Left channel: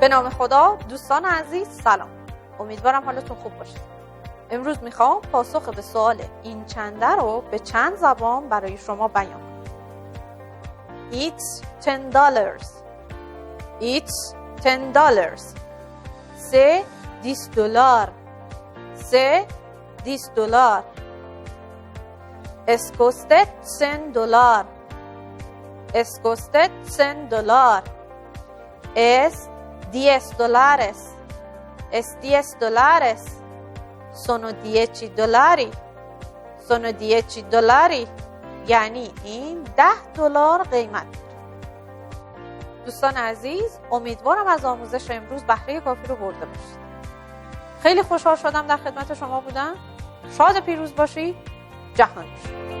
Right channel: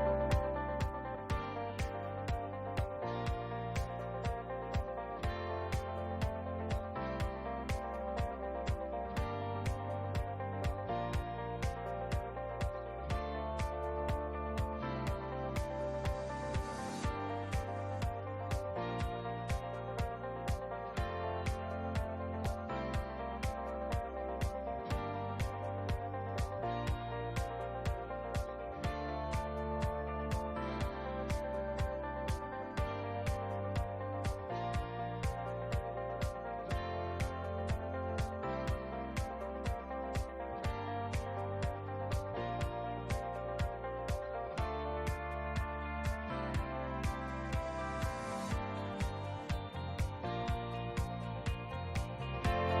به نام خدا. دوستان عزیز سلام، امیدوارم حالتون خوب باشه. امروز میخوام پاسخ به سوال این چنده رو به چند زبان برای شما بیان کنم. It's $10. It's $10. C'est $10. C'est $10. Es kostet $100. Es kostet $100. Es $10. Es $10. Sono $10. Sono $10. یعنی این $10 قیمت داره. دوستان عزیز، امیدوارم از آموزش امروز بهره کافی رو برده باشید. خیلی خوشحال شدم در خدمت شما بودم. شاد پیروز باشید. جهان باشید.